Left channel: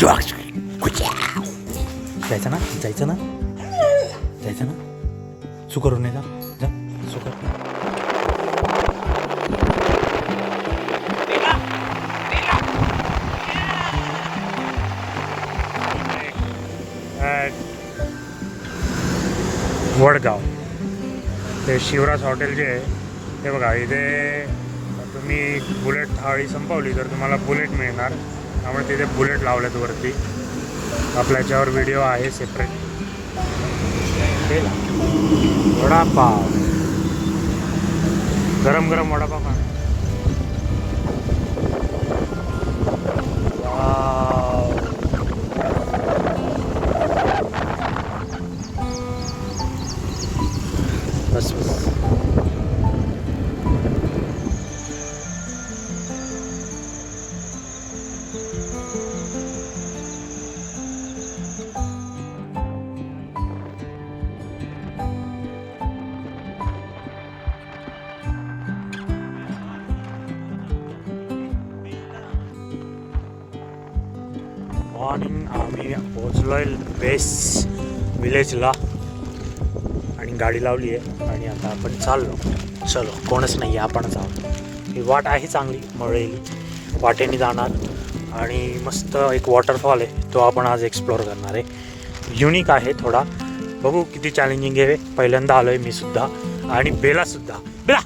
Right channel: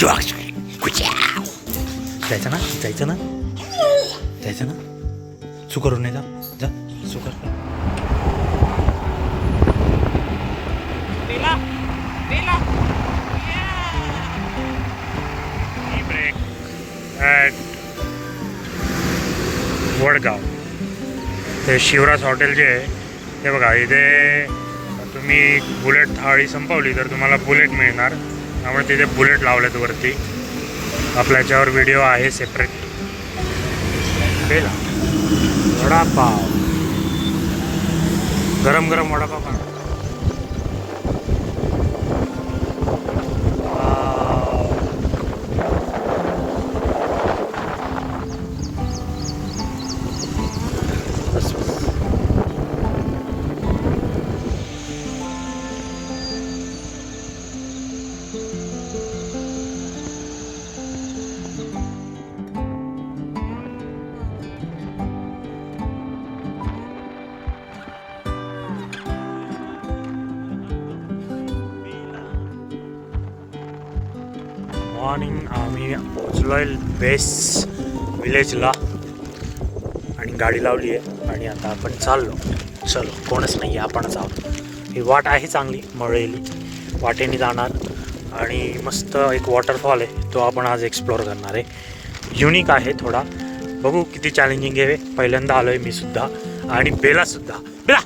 जायचं ना जायचं ना जायचं ना सू करून नाही जा जा सू कर वडगाव ते शिवराज हॉटेल जे आहे ते बघा इथे तुम्ही बुलेट थाळी संपवली तर तुम्हाला बुलेट मिळणार त्यामुळे तिथे बुलेट लावलेत वरती आपल्या याच्यावर व्हिडिओ आहे सेपरेट वडापाव गरम गरम वडापाव खा मॉर्निंग आम्ही पोचलोय बेस विलेजला आणि गाडी लावली आहे आणि आता आपण चाललो चलो कोणच नाही आपणच आहोत ही वाट आहे चांगली मळलेली वाटेने जाणार आणि मस्त एक वॉटरफॉल आहे तो आपण आज एक्सप्लोअर करणार आहे युनिक आहे थोडा बघू किती चॅलेंजिंग आहे पहिल्यांदा आलोय मी सुद्धा आणि बेला सुद्धा बेला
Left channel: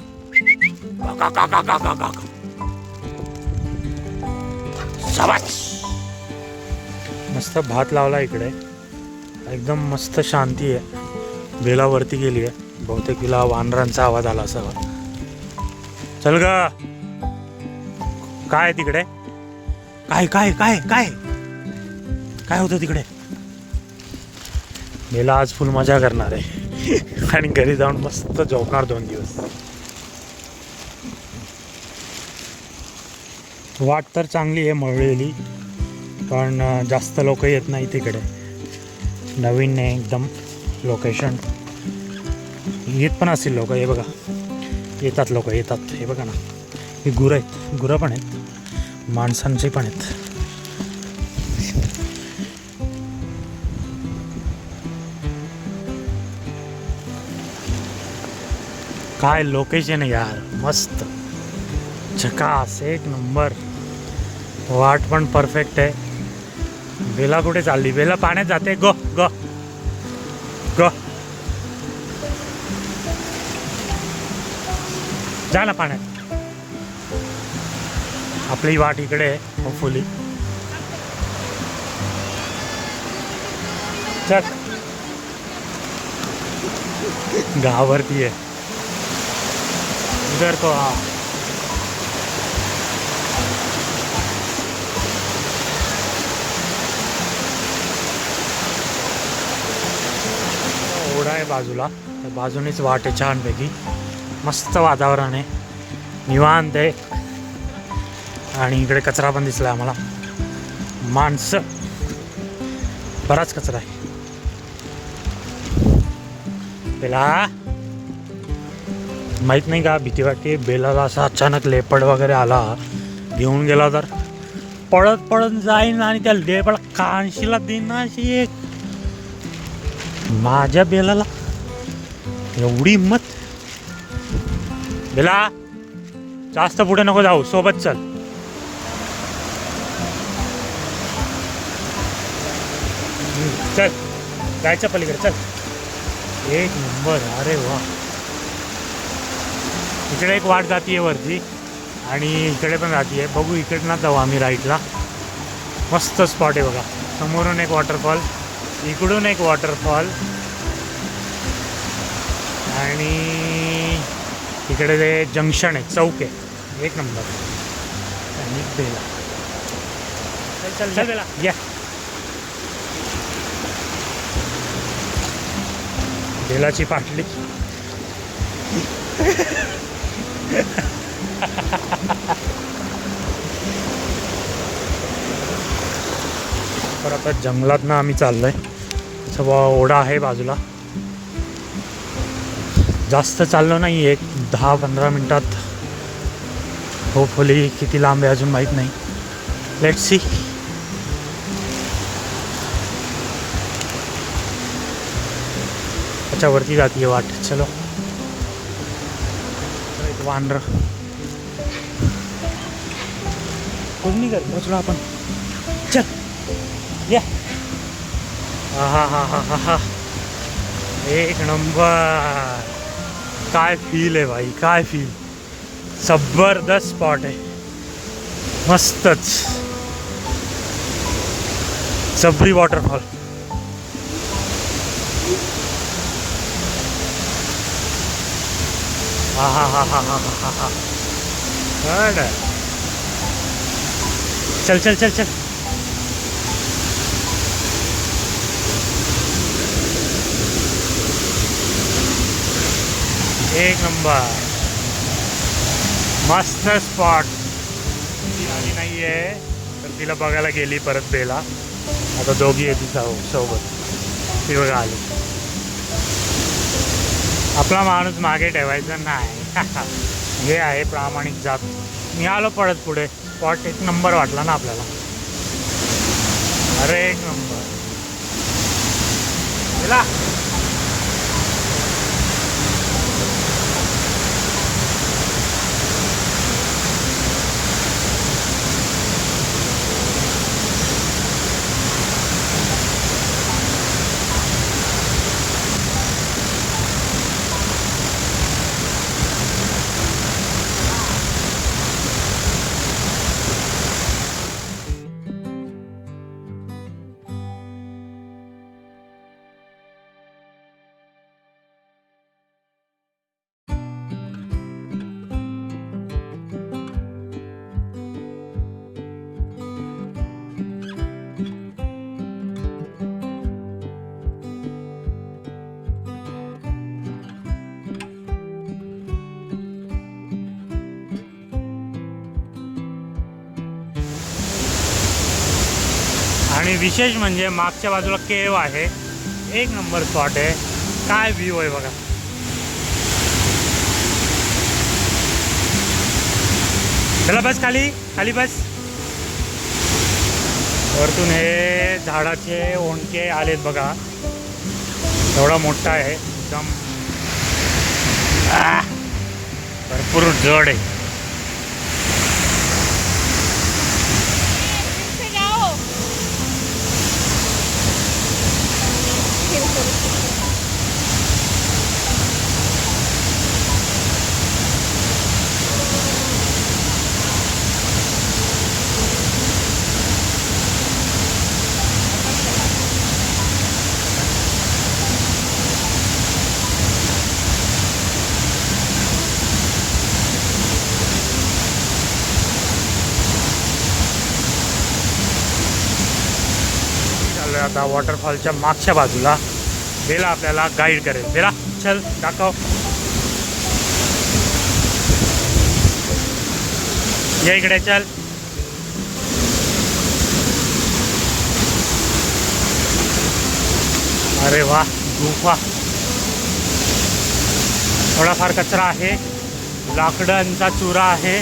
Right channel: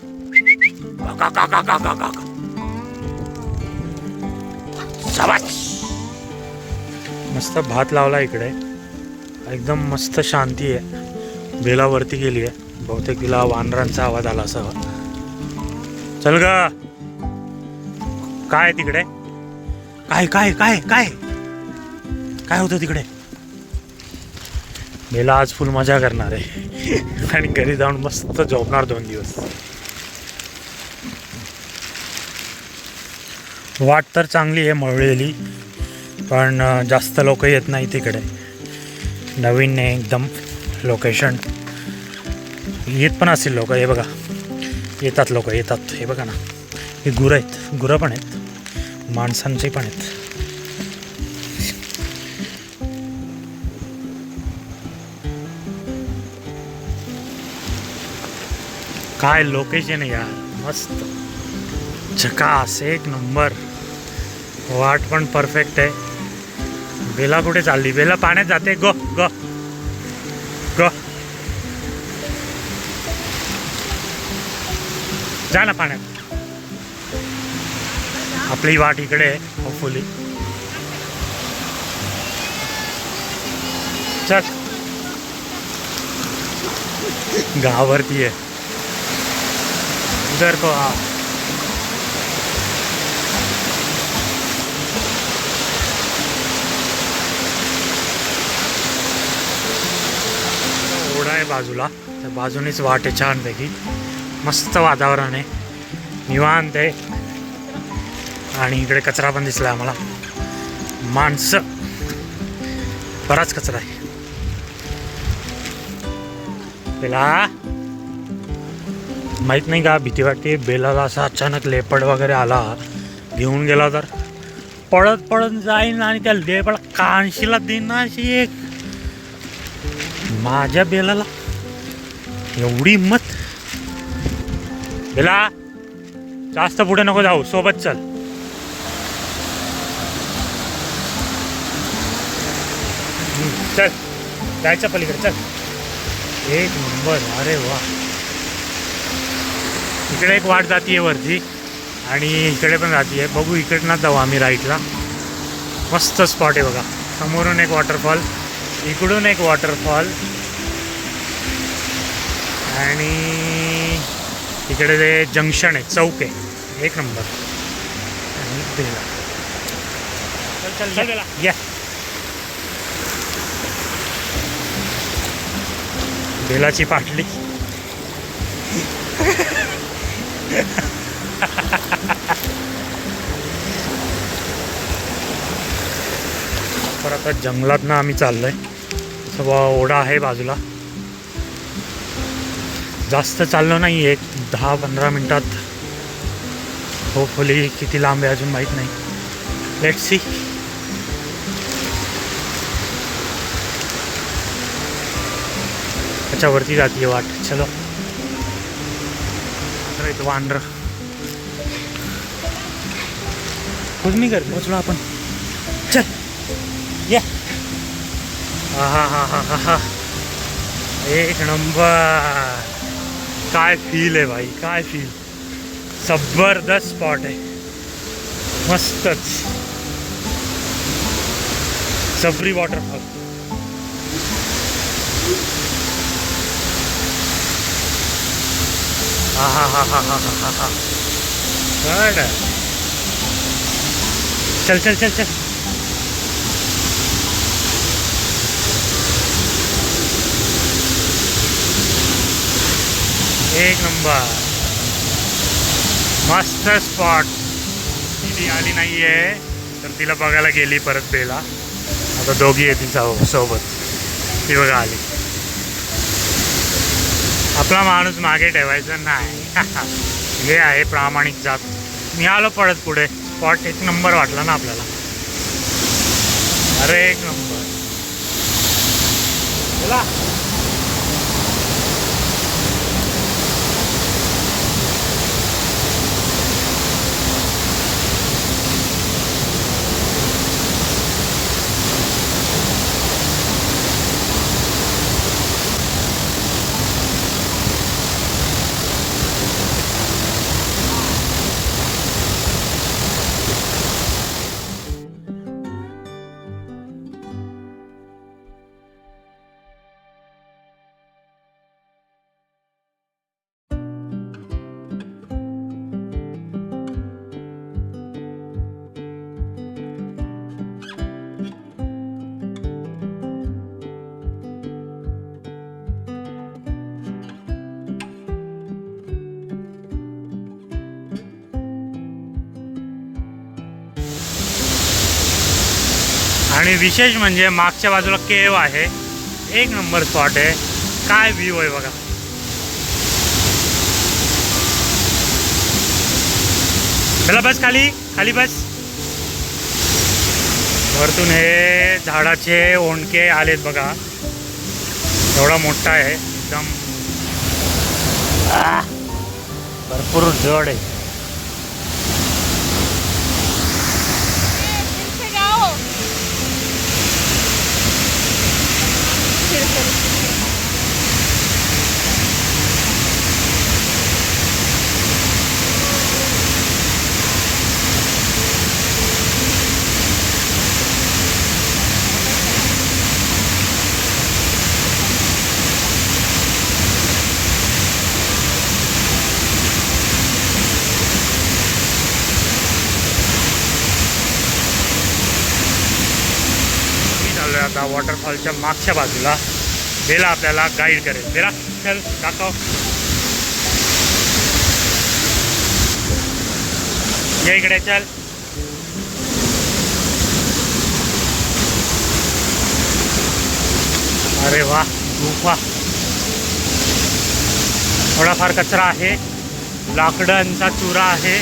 मस्त भात लावला इकडे एकदम मस्त शांती आहे बेलावरती गेली आहे बहुतेक तिला वानरांचा आवाज आला असावा चल ग काय तिकडे काय काय काय काय काय होतं तिकडे बेला आज फुल मजा करणार आहे आणि घरी जाऊन मस्त झोपणार 2 दिवस वाट तर चांगली आहे मळलेली पण जास्त लोक येत नाही तिकडे नवीन आहे एकदम लोकेशन येत पण असतील लोक हे बघा येतात लोक येतात हे बघा ना ही गुरं आहेत गुरं पण आहेत माणसांचे पण आहेत काय लोकेशन आहे यार मस्त झकास एक नंबर वाट पण परफेक्ट आहे बेला कुठे चालली बेला पाण्यात जाते गो गो गो जा ना पाण्यात आपली वाट इकडे आहे होपफुली चल गावावरती आहे उधर को हा ओढा आहे बाजूला त्या बाजूनेच वाट आहे छानपैकी मस्त वातावरण आहे निवांत आहे आणि इकडे कचरा पण दिसला आम्हाला माणसं बराच कचरा आहे बेला माहीत नाही का भीती वाटते बेलाला असा अचानक लेपड वगैरे आला घेऊन गेला तर पळत पळत जाईन आणि त्या लेपड कानशीला देईन अशी एक माझ्या बेलाला एवढी हिंमत बेला जास्त पुढे नको जाऊ सोबत चल चल जायचं पलीकडे चल एक नंबर अरे वा इकडे एक वाट जातीये वरती आणि इकडे पण जातीये बघू इकडनं जाऊ आम्ही राईटला मस्त स्पॉट आहे बघा समोरून एक वॉटरफॉल इकडून एक वॉटरफॉल आणि इकडे ते जंक्शन आहे चौक आहे एक नंबर आणि बेला चल चल बेला या बेलाची पाटली पर आता जंगलात ना आम्ही चाललोय तसं ओढा आहे बाजूला जास्त चाललो नाही एक 10-15 मिनिटात होपफुली किती लांब आहे अजून माहीत नाही लेट्स सी त्याच्यावरती जाते वाट. चलो इथं वानर कुछ नहीं कर पोचलो आपण. चल या. हा एक नंबर. काय फील आहे भाई, काय फील. जबरदस्त स्पॉट आहे, मस्तच. सबरी वॉटरफॉल. हा. चल चल चल चल. एक नंबर, मस्त स्पॉट. ती आली नाही आहे तर तिला बघायला गेली परत बेला. आता दोघी येतील सोबत. ती बघा आली. आपला माणूस मागे ठेवायचा नाही. हे आहे प्रामाणिक जात. मी आलो पडत पुढे. स्पॉट एक नंबर वाटला ना आपल्याला. अरे एक नंबर. चला आणि विशेष म्हणजे मागच्या बाजूला केव आहे. एक नंबर स्पॉट आहे. काय व्ह्यू आहे बघा. चला बस खाली खाली बस. वरतून हे झाडाचे ओंडके आलेत बघा. एवढा मोठा आहे एकदम. भरपूर जड आहे. आता वॉटरफॉलच्या मागच्या बाजूला. बेला आपल्याला गाईड करेल. बेला चल दाखव. या इकडे चल. अरे वा, गुफा. थोडाफार कचरा आहे, लाकडांचा चुरा आहे.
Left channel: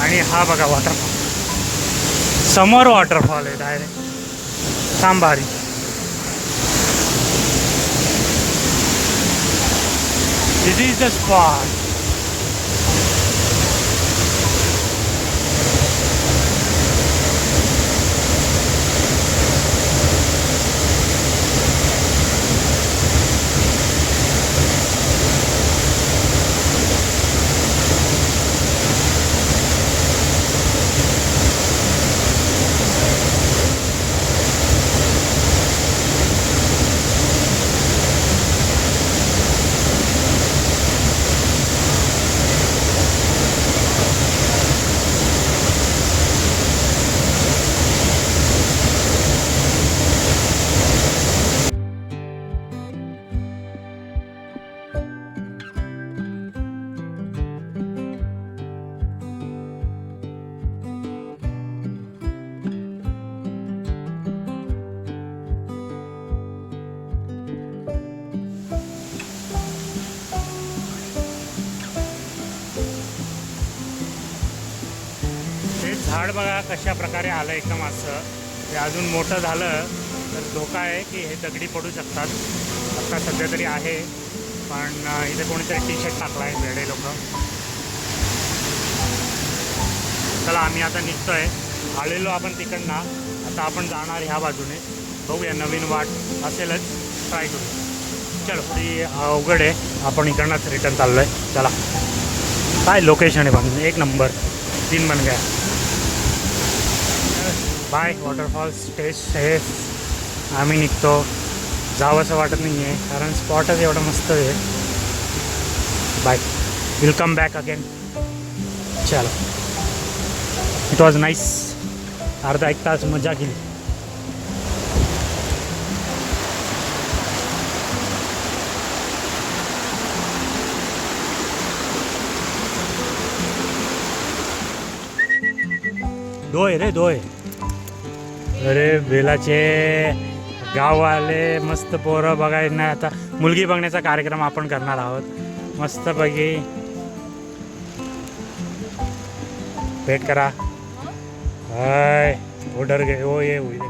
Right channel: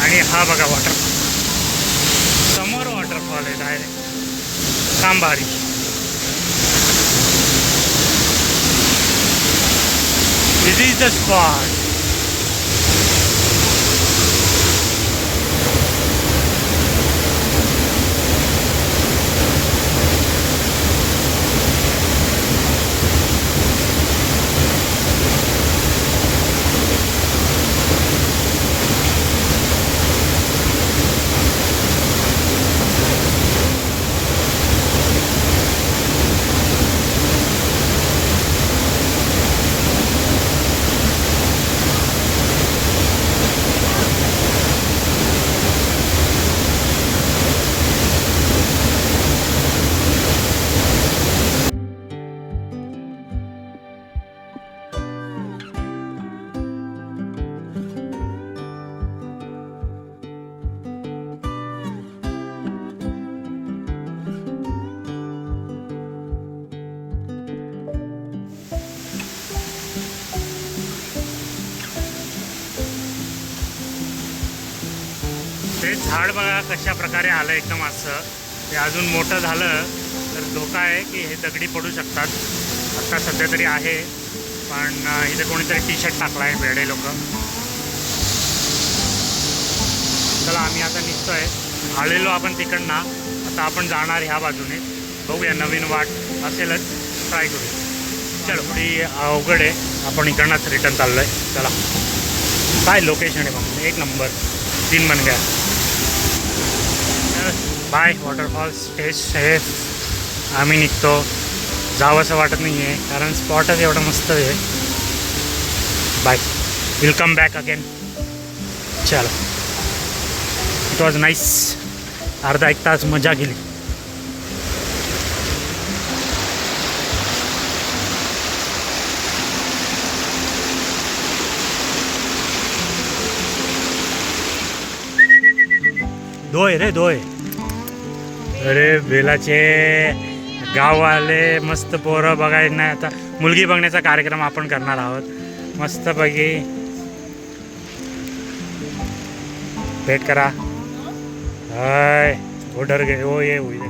आणि हा बघा वॉटरफॉल. समोर वॉटरफॉल आहे direct. Sambari. This is the spot. ते झाड बघा कशा प्रकारे आलं एकदम असं. ते अजून मोठं झालं तर धोका आहे की हे दगडी पडू शकतात. आता सध्या तरी आहे, पण इथे कोणीतरी टी शर्ट टाकला आहे वेडे लोक. चला आम्ही आता निघतो आहे. आलेलो आपण तिकडनं, आता आपण जाणार ह्या बाजूने. बघूया नवीन वाट असेलच, ट्राय करू. चलो थोडी अवघड आहे, आपण इकडनंच रिटर्न चाललो आहे. चला काय लोकेशन आहे पण एक नंबर, 3 बन गया. Bye waterfalls, stay safe. आम्ही निघतो. जावं असं वाटत नाही आहे कारण स्पॉटच एवढं मस्त आहे. Bye, will come back again. चलो, इट वॉज नाईस. अर्धा 1 तास मजा केली. दोय रे दोय. अरे बेलाचे गाववाले मस्त पोरं बघायला नाही. आता मुलगी बघण्याचा कार्यक्रम आपण करणार आहोत मस्तपैकी. भेट करा. हाय ऑर्डर घे. हो ये होईल.